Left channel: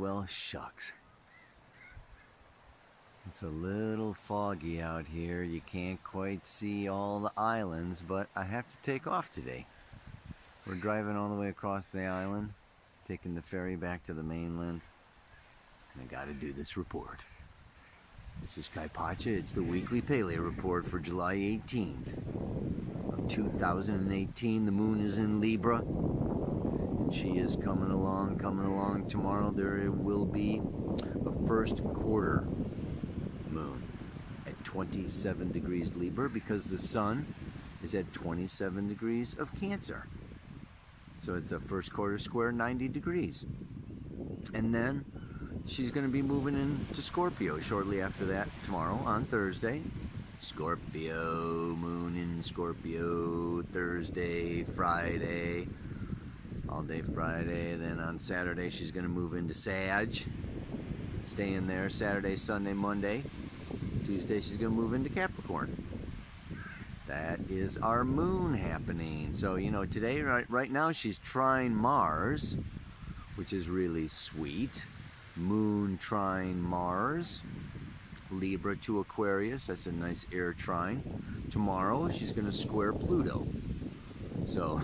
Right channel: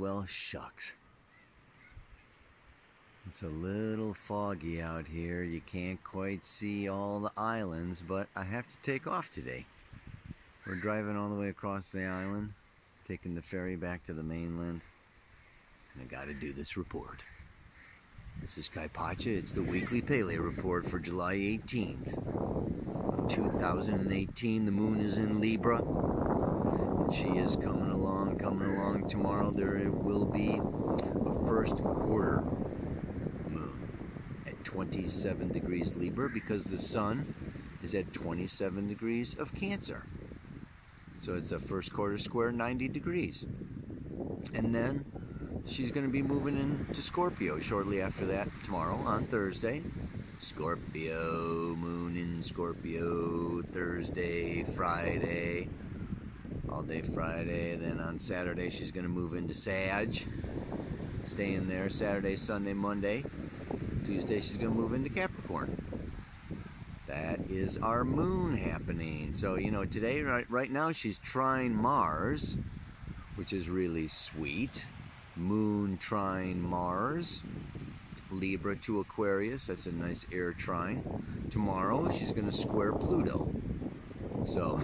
well, shucks. It's a little foggy out here. You can't quite see all the islands, but I have to take off today. We're driving all the way across the island, taking the ferry back to the mainland, and I gotta do this report. This is Kaipacha. It's the weekly Paleo report for July 18th of 2018. The moon is in Libra, and she is coming along. Tomorrow there will be a first quarter moon at 27 degrees Libra because the sun is at 27 degrees of Cancer. So it's a first quarter square 90 degrees. And then she's going to be moving into Scorpio shortly after that tomorrow on Thursday. Scorpio, moon in Scorpio, Thursday, Friday, all day Friday. Then on Saturday she's going to move into Sag, staying there Saturday, Sunday, Monday. Tuesday she's going to move into Capricorn. That is our moon happening. So, you know, today, right now she's trine Mars, which is really sweet. Moon trine Mars, Libra to Aquarius. That's a nice air trine. Tomorrow she's going to square Pluto. So,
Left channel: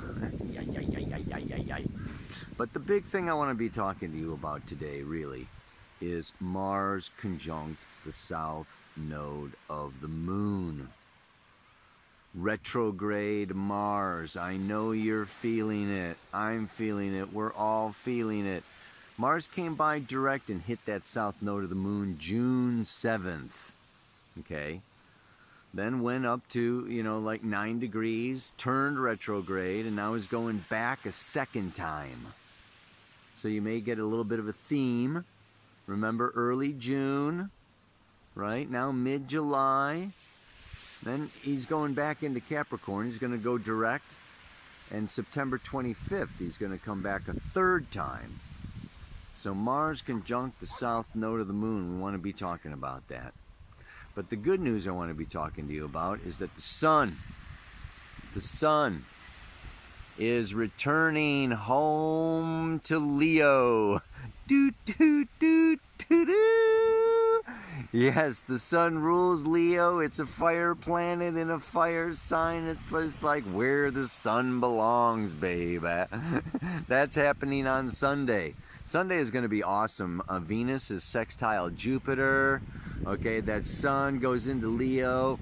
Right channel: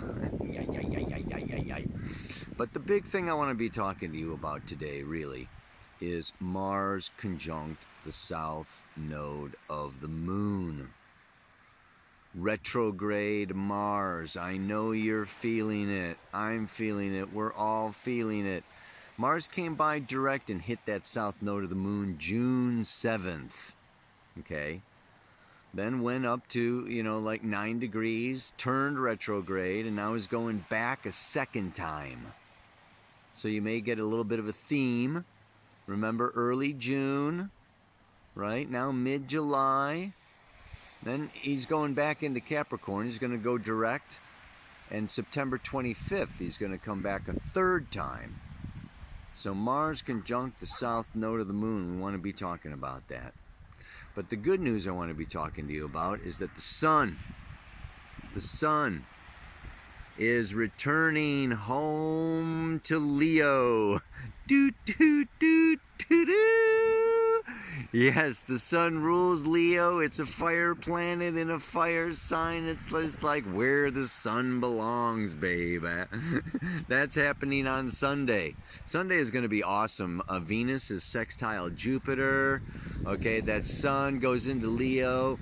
But the big thing I want to be talking to you about today, really, is Mars conjunct the south node of the moon. Retrograde Mars. I know you're feeling it. I'm feeling it. We're all feeling it. Mars came by direct and hit that south node of the moon June 7th. Okay? Then went up to, you know, like 9 degrees, turned retrograde, and now is going back a second time. So you may get a little bit of a theme. Remember early June, right? Now mid-July. Then he's going back into Capricorn. He's going to go direct. And September 25th, he's going to come back a third time. So Mars conjunct the south node of the moon. We want to be talking about that. But the good news I want to be talking to you about is that the sun is returning home to Leo. Do, do, do, do, do. Yes, the sun rules Leo. It's a fire planet in a fire sign. It's just like where the sun belongs, babe. That's happening on Sunday. Sunday is going to be awesome. Venus is sextile Jupiter. Okay, that sun goes into Leo,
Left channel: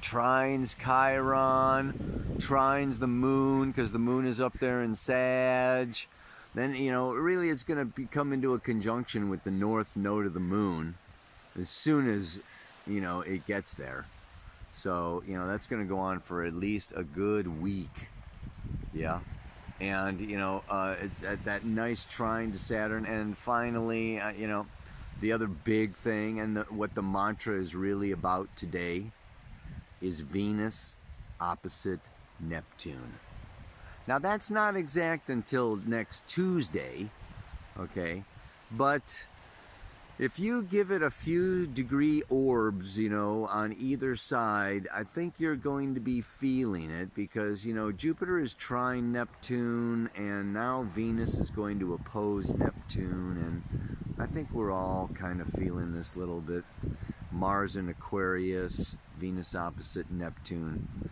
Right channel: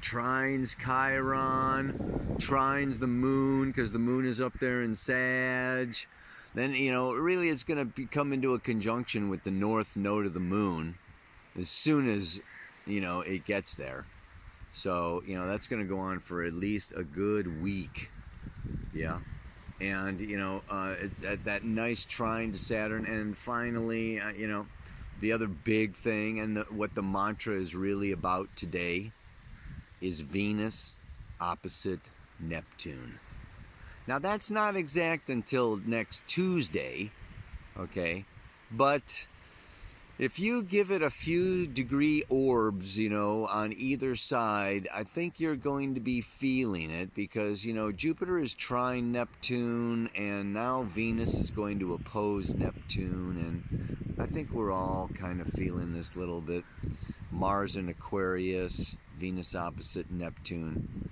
trines Chiron, trines the moon because the moon is up there in Sag. Then, you know, really it's going to come into a conjunction with the north node of the moon as soon as, you know, it gets there. So, you know, that's going to go on for at least a good week. Yeah. And, you know, it's at that nice trine to Saturn. And finally, you know, the other big thing and what the mantra is really about today is Venus opposite Neptune. Now, that's not exact until next Tuesday, okay? But if you give it a few degree orbs, you know, on either side, I think you're going to be feeling it because, you know, Jupiter is trine Neptune and now Venus is going to oppose Neptune, and I think we're all kind of feeling this little bit. Mars in Aquarius, Venus opposite Neptune.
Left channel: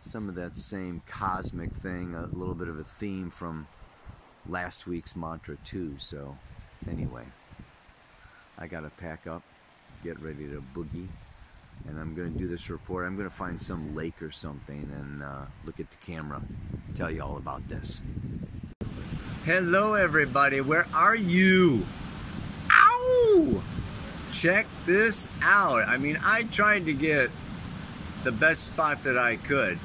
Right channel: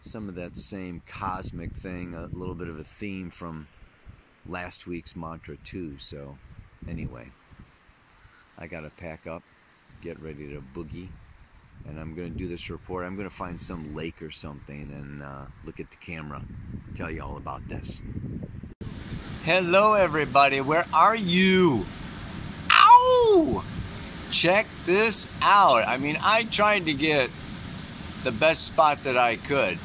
Some of that same cosmic thing, a little bit of a theme from last week's mantra too. So anyway, I gotta pack up, get ready to boogie, and I'm gonna do this report. I'm gonna find some lake or something and look at the camera, tell you all about this. Hello everybody, where are you? Ow! Check this out. I mean, I tried to get the best spot that I could,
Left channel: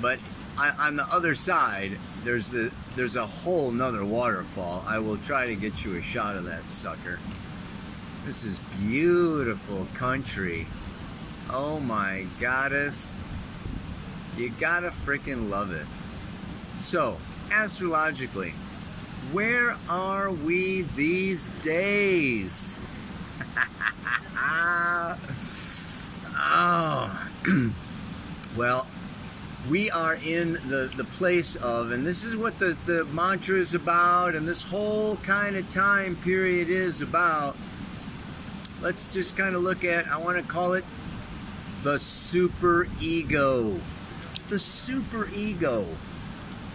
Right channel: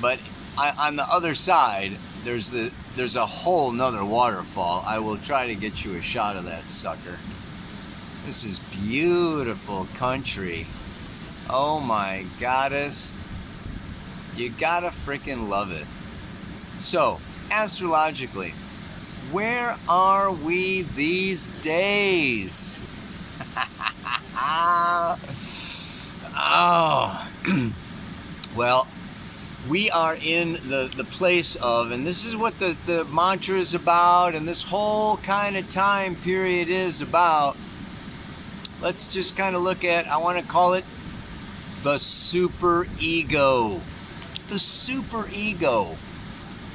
but on the other side, there's a whole nother waterfall. I will try to get you a shot of that sucker. This is beautiful country. Oh my goddess. You gotta freaking love it. So, astrologically, where are we these days? Oh. Well, we are in the place of, and this is what the mantra is about, and this whole kind of time period is about. Let's just kind of look at, I want to call it the super ego. The super ego.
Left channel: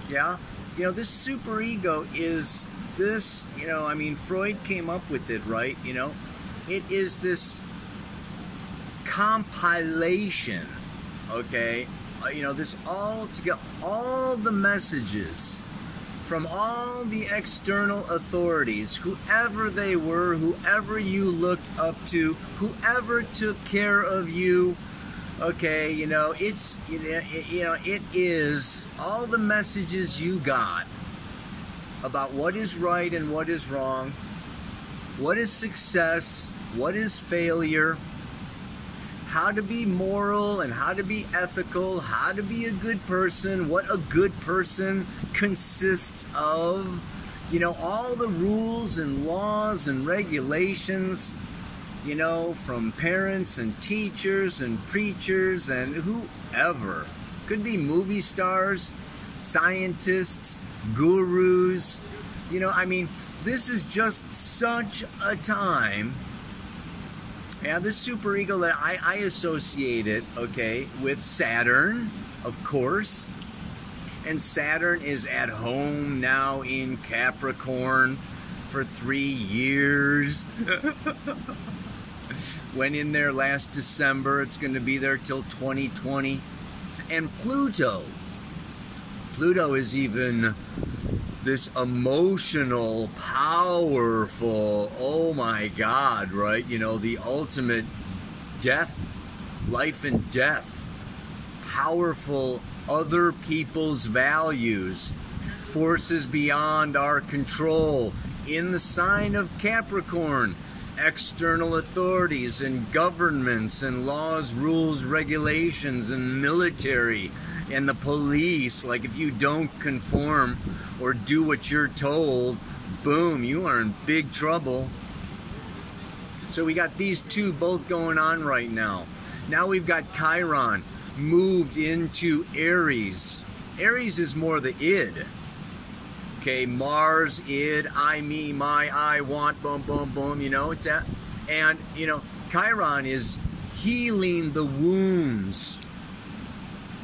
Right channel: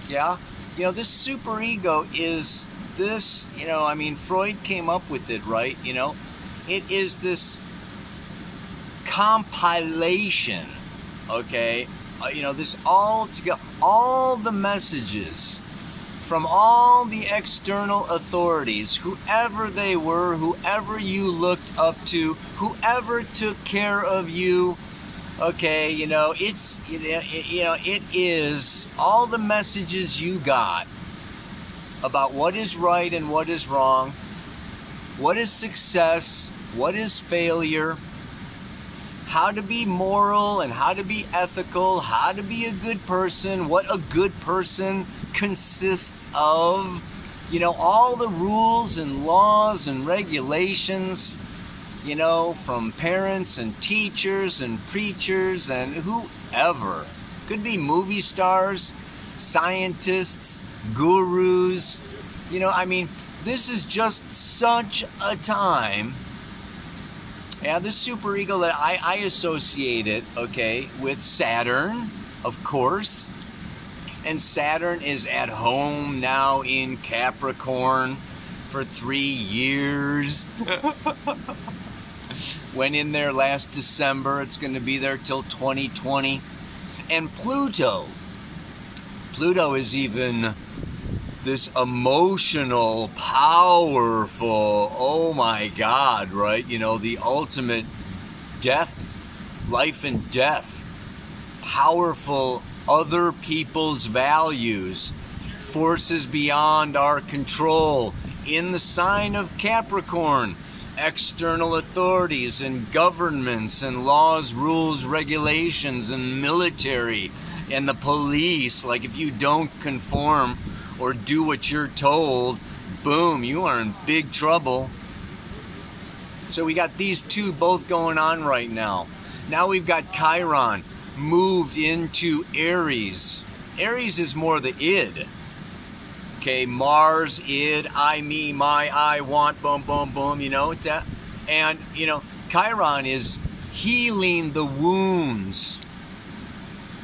Yeah? You know, this super ego is this, you know, I mean, Freud came up with it, right? You know, it is this compilation, okay? You know, this all together, all the messages from all the external authorities, whoever they were, whoever you looked up to, whoever took care of you, okay, you know, it's, you know, it is all the messages you got about what is right and what is wrong, what is success, what is failure, how to be moral and how to be ethical, how to be a good person, what a good person consists of, you know, all the rules and laws and regulations, you know, from parents and teachers and preachers and whoever. Could be movie stars, scientists, gurus, you know, I mean, this is just such a time. Yeah, this superego that I associate it, okay, with Saturn, of course. And Saturn is at home now in Capricorn for 3 years. Went in there last December. It's going to be there till 2020. And Pluto is even this emotional, powerful, oh my God, right? You know, the ultimate death, life and death, powerful other people's values, forces beyond our control, in the sign of Capricorn, external authorities and governments and laws, rules, regulations and military and the police. Like if you don't conform or do what you're told, boom, you are in big trouble. So we got these two both going on right now. Now we've got Chiron moved into Aries. Aries is more the id. Okay, Mars, id, I, me, my, I, want, boom, boom, boom, you know, it's that. And, you know, Chiron is healing the wounds,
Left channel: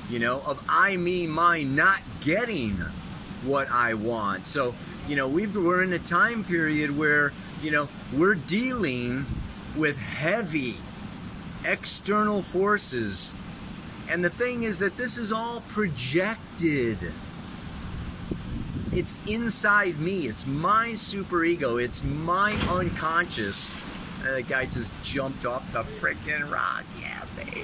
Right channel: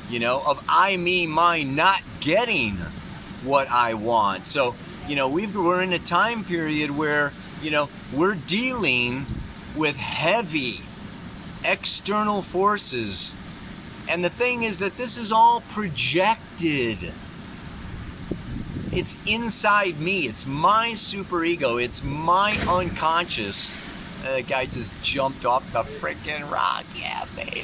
you know, of I, me, mine, not getting what I want. So, you know, we're in a time period where, you know, we're dealing with heavy external forces. And the thing is that this is all projected. It's inside me. It's my superego. It's my unconscious. The guy just jumped off the freaking rock. Yeah, baby.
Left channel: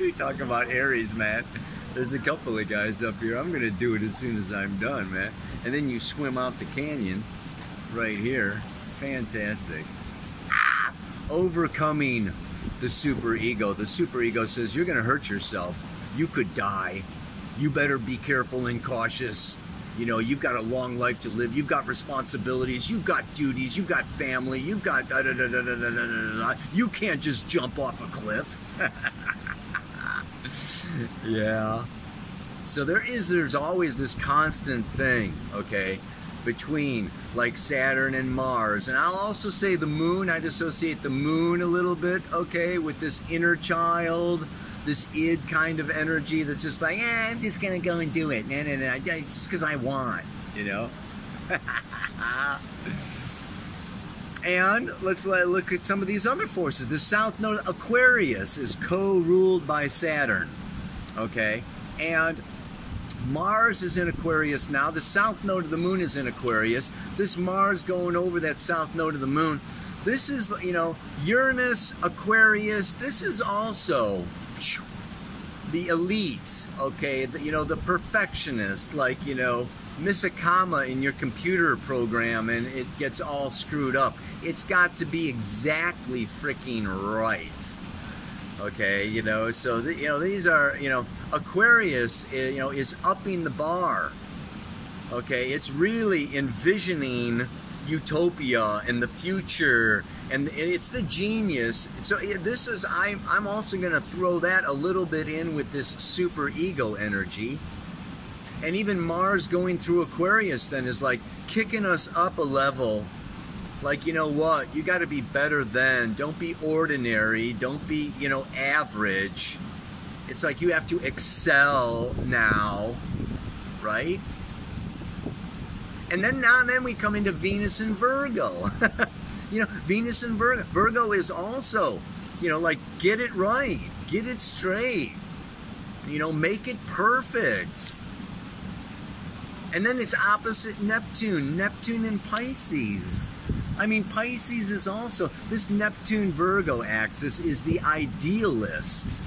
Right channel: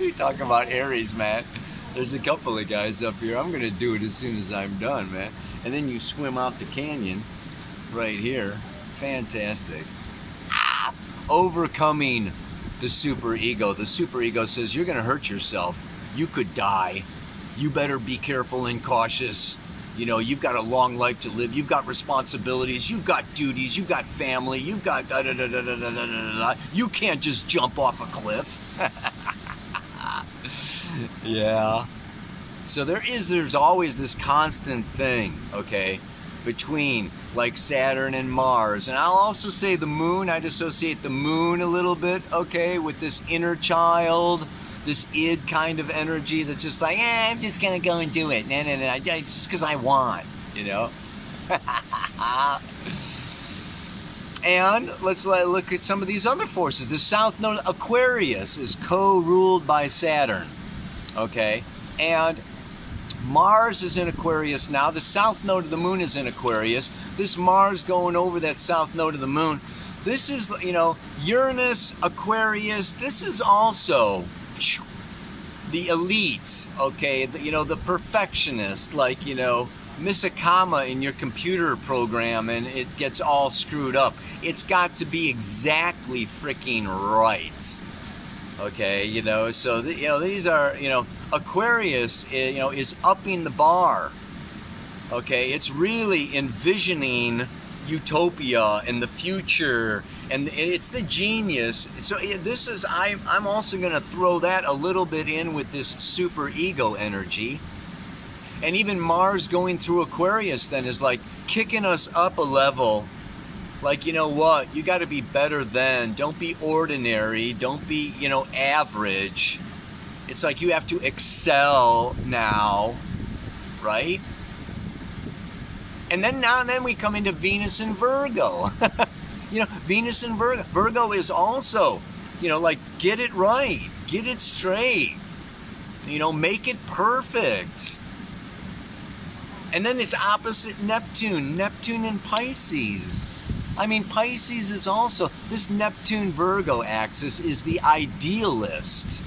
We talking about Aries, man. There's a couple of guys up here. I'm gonna do it as soon as I'm done, man. And then you swim out the canyon right here. Fantastic. Ah! Overcoming the superego. The superego says you're gonna hurt yourself. You could die. You better be careful and cautious. You know, you've got a long life to live. You've got responsibilities. You've got duties. You've got family. You've got da da da da da da da da. You can't just jump off a cliff. Yeah. So there's always this constant thing, okay, between like Saturn and Mars. And I'll also say the moon. I'd associate the moon a little bit, okay, with this inner child, this id kind of energy that's just like, I'm just gonna go and do it. No, just because I want, you know. And let's look at some of these other forces. The south node Aquarius is co-ruled by Saturn, okay, and Mars is in Aquarius now. The south node of the moon is in Aquarius. This Mars going over that south node of the moon. This is, you know, Uranus Aquarius. This is also the elite, okay, you know, the perfectionist, like, you know, miss a comma in your computer program and it gets all screwed up. It's got to be exactly freaking right, okay, you know. So you know, these are, you know, Aquarius, you know, is upping the bar, okay. It's really envisioning utopia and the future And it's the genius. So this is, I'm also going to throw that a little bit in with this super ego energy. And even Mars going through Aquarius then is like kicking us up a level. Like, you know what? You got to be better than. Don't be ordinary. Don't be, you know, average. It's like you have to excel now, right? And then we come into Venus and Virgo. You know, Venus and Virgo. Virgo is also, you know, like, get it right, get it straight, you know, make it perfect. And then it's opposite Neptune, Neptune and Pisces. I mean, Pisces is also, this Neptune-Virgo axis is the idealist,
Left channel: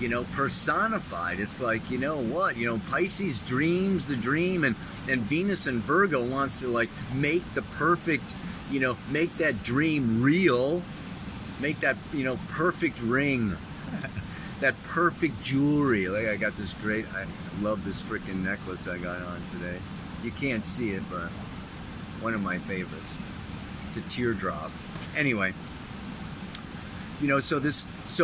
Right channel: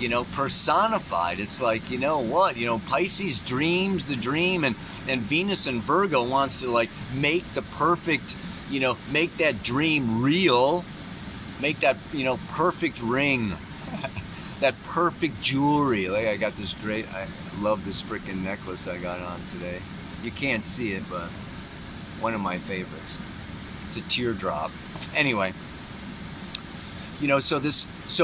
you know, personified. It's like, you know what, you know, Pisces dreams the dream, and Venus and Virgo wants to, like, make the perfect, you know, make that dream real, make that, you know, perfect ring, that perfect jewelry. Like, I got this great, I love this freaking necklace I got on today. You can't see it, but one of my favorites. It's a teardrop. Anyway, you know, so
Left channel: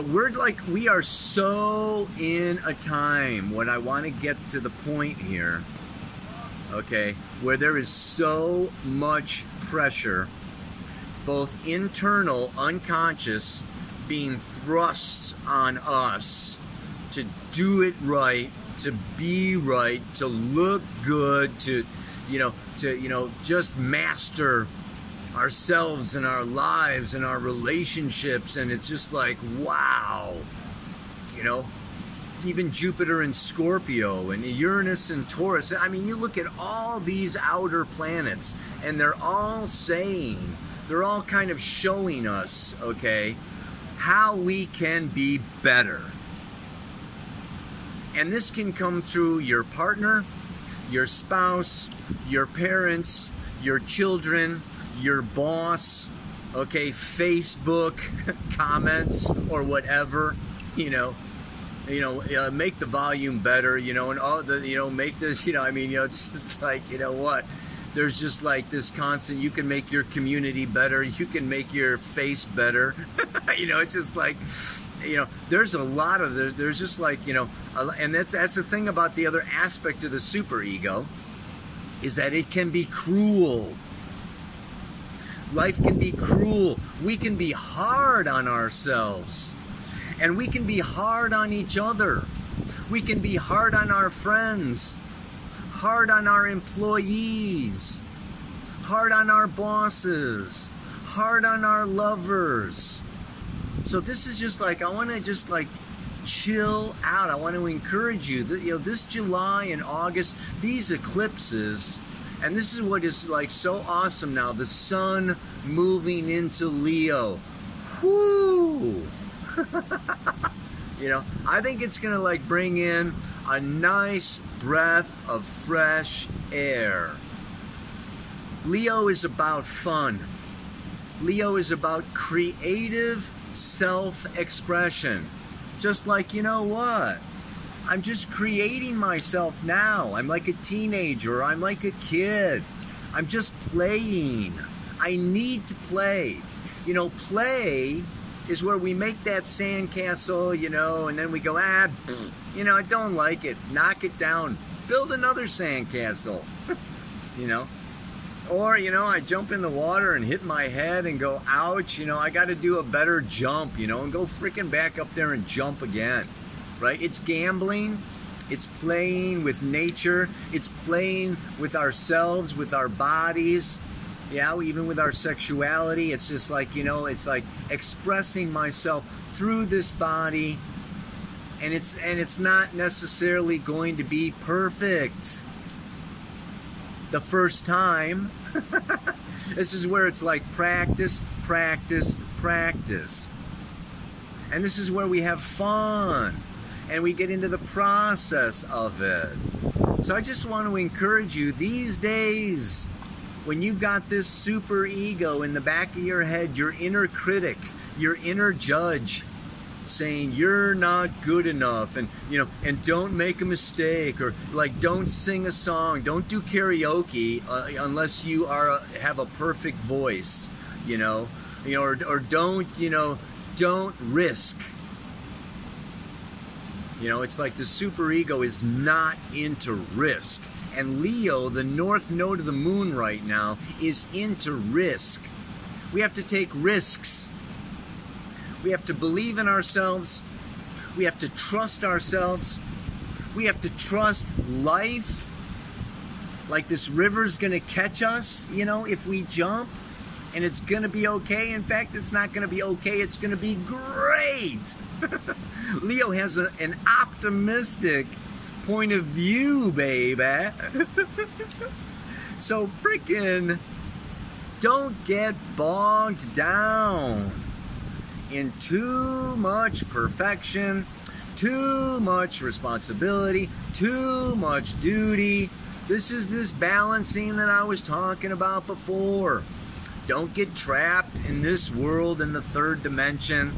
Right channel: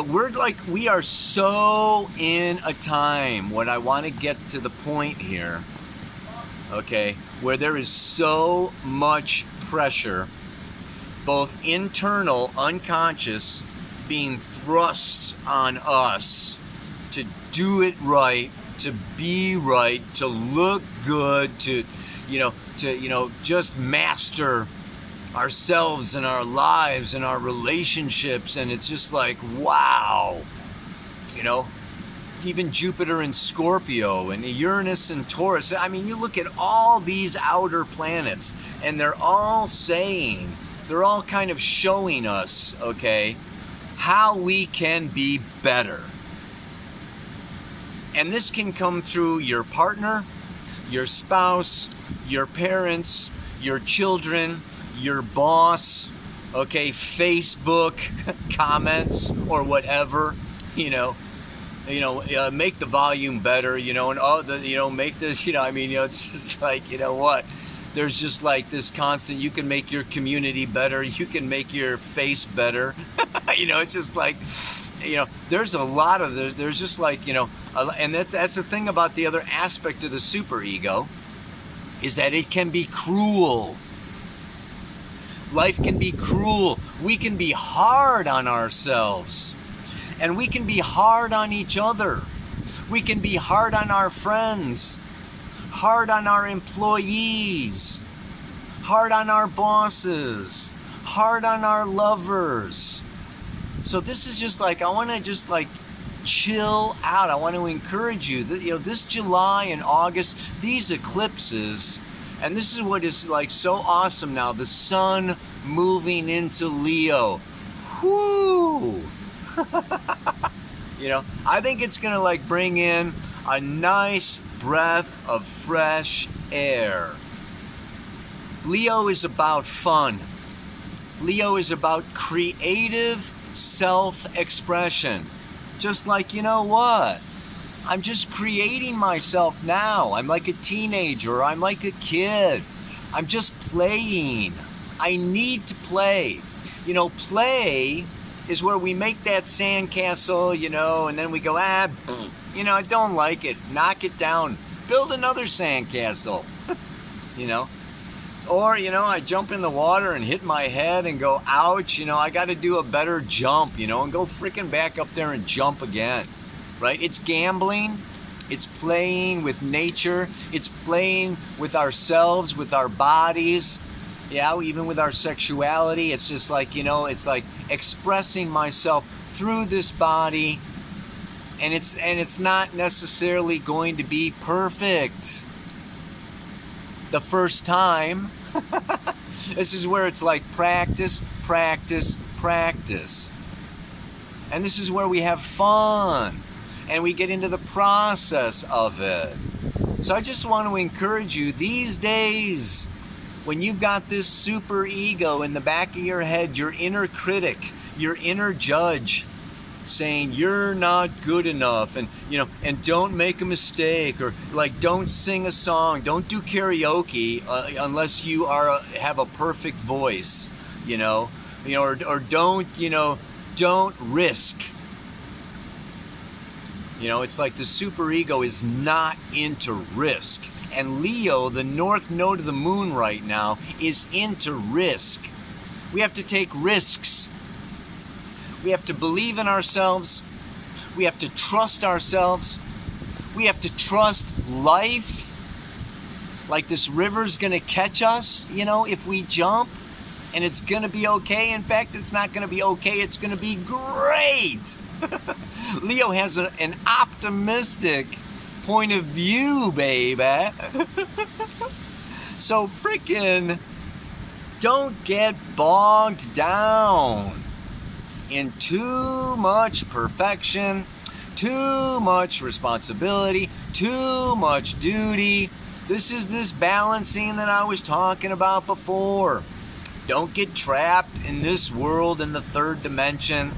we're like, we are so in a time, what I want to get to the point here, okay, where there is so much pressure, both internal, unconscious, being thrust on us to do it right, to be right, to look good, to just master ourselves and our lives and our relationships. And it's just like, wow, you know, even Jupiter and Scorpio and Uranus and Taurus. I mean, you look at all these outer planets and they're all saying, they're all kind of showing us, okay, how we can be better. And this can come through your partner, your spouse, your parents, your children, your boss, okay, Facebook comments or whatever, make the volume better, and make this, I mean, it's just like, you know what, there's just like this constant, you can make your community better, you can make your face better, it's just like, there's a lot of this, there's just like, and that's the thing about the other aspect of the superego, is that it can be cruel. Life can be cruel. We can be hard on ourselves. And we can be hard on each other. We can be hard on our friends, hard on our employees, hard on our bosses, hard on our lovers. So this is just like, I want to just like chill out. I want to encourage you that, this July and August, these eclipses, and this is what is like so awesome now, the sun moving into Leo. Whoo! I think it's gonna like bring in a nice breath of fresh air. Leo is about fun. Leo is about creative self-expression. Just like, you know what? I'm just creating myself now. I'm like a teenager. I'm like a kid. I'm just playing. I need to play. Play is where we make that sandcastle, and then we go, I don't like it. Knock it down. Build another sandcastle, Or, I jump in the water and hit my head and go, ouch, I got to do a better jump, and go freaking back up there and jump again, right? It's gambling. It's playing with nature. It's playing with ourselves, with our bodies. Yeah, even with our sexuality. It's just like, it's like expressing myself through this body, and it's not necessarily going to be perfect the first time. This is where it's like practice, practice, practice. And this is where we have fun and we get into the process of it. So I just want to encourage you these days, when you've got this super ego in the back of your head, your inner critic, your inner judge, saying you're not good enough, and and don't make a mistake, or like don't sing a song, don't do karaoke unless you have a perfect voice, You know, or don't, you know, don't risk. You know, it's like the superego is not into risk. And Leo, the north node of the moon right now, is into risk. We have to take risks. We have to believe in ourselves. We have to trust ourselves. We have to trust life. Like this river's gonna catch us, you know, if we jump, and it's gonna be okay. In fact, it's not gonna be okay, it's gonna be great. Leo has an optimistic point of view, baby. So freaking don't get bogged down in too much perfection, too much responsibility, too much duty. This is this balancing that I was talking about before. Don't get trapped in this world in the third dimension.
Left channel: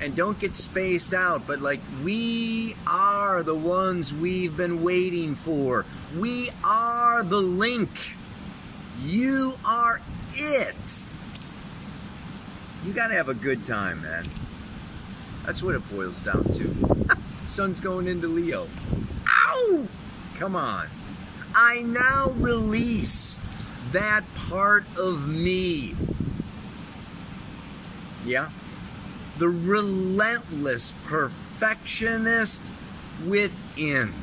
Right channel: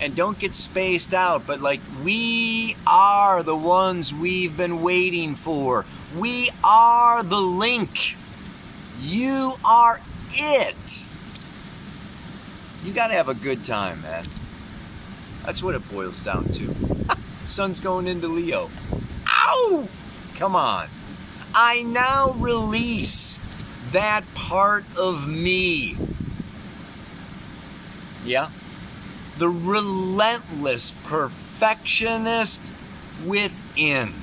And don't get spaced out, but like, we are the ones we've been waiting for. We are the link. You are it. You gotta have a good time, man. That's what it boils down to. Sun's going into Leo. Ow! Come on. I now release that part of me. Yeah? The relentless perfectionist within.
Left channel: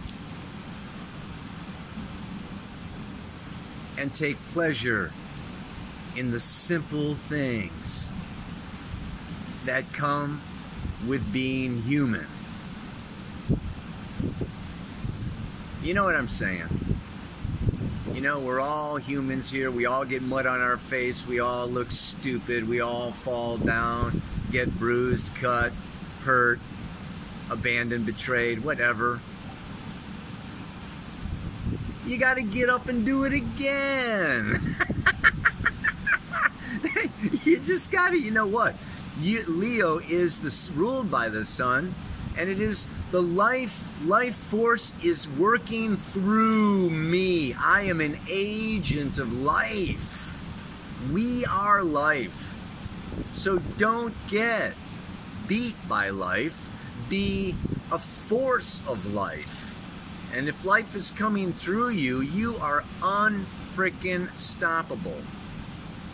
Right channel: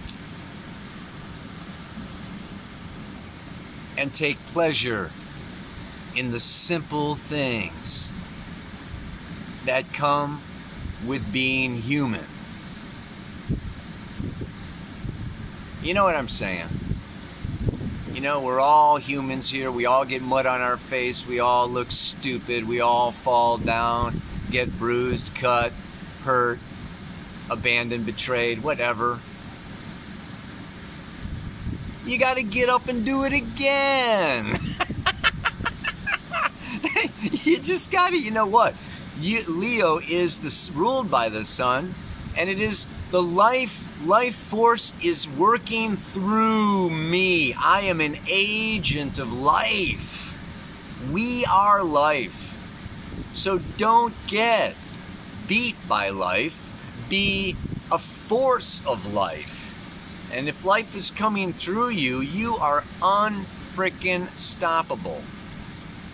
And take pleasure in the simple things that come with being human. You know what I'm saying? You know, we're all humans here. We all get mud on our face. We all look stupid. We all fall down, get bruised, cut, hurt, abandoned, betrayed, whatever. You gotta get up and do it again. You just gotta, you know what? Leo is ruled by the sun, and it is the life force is working through me. I am an agent of life. We are life. So don't get beat by life. Be a force of life. And if life is coming through you, you are unfreaking stoppable.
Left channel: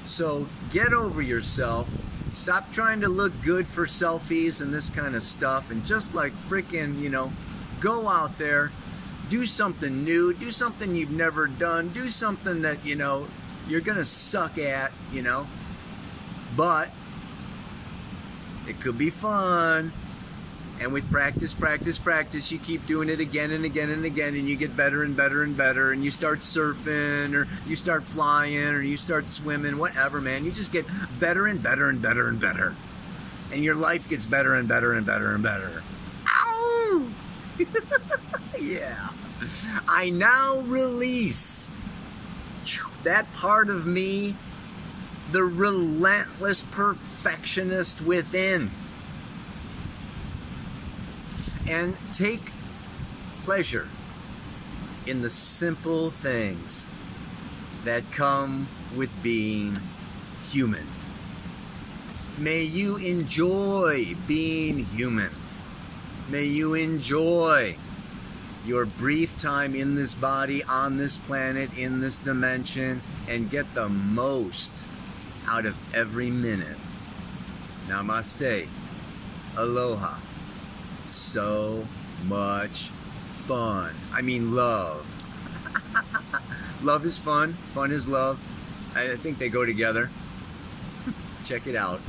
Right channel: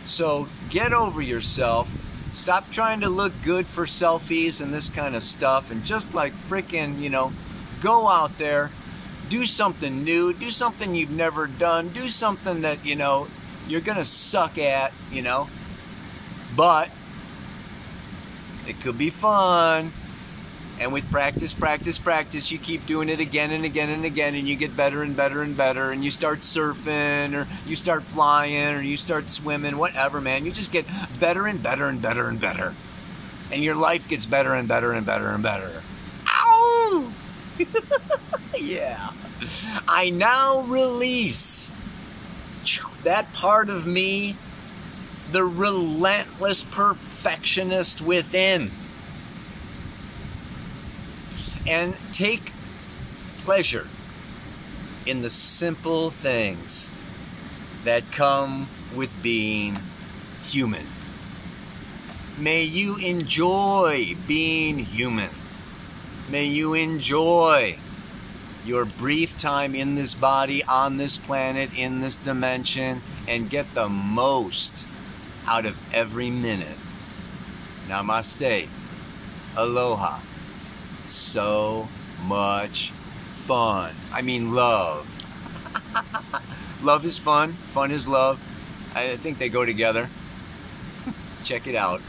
So get over yourself. Stop trying to look good for selfies and this kind of stuff, and just like freaking, you know, go out there, do something new, do something you've never done, do something that, you know, you're gonna suck at, you know, but it could be fun. And with practice, practice, practice, you keep doing it again and again and again, and you get better and better and better, and you start surfing, or you start flying, or you start swimming, whatever, man. You just get better and better and better and better. And your life gets better and better and better and better. Ow! Yeah. I now release that part of me, the relentless perfectionist within. And take pleasure in the simple things that come with being human. May you enjoy being human. May you enjoy your brief time in this body, on this planet, in this dimension, and get the most out of every minute. Namaste. Aloha. So much fun. I mean, love. Love is fun. Fun is love. I think they go together. Check it out.